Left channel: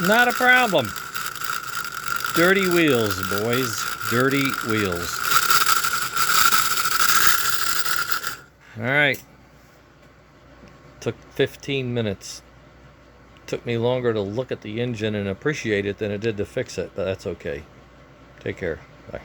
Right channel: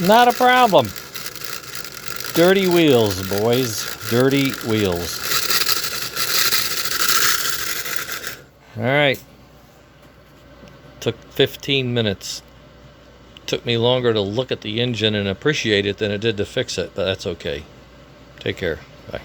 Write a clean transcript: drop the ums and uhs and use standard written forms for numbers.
Not a problem. Dirty wheels, boys. Dirty wheels. All right. Took 15 minutes. Took me longer to look at the engine and appreciate it than it did to fix it, but that's okay. Take care. Bye.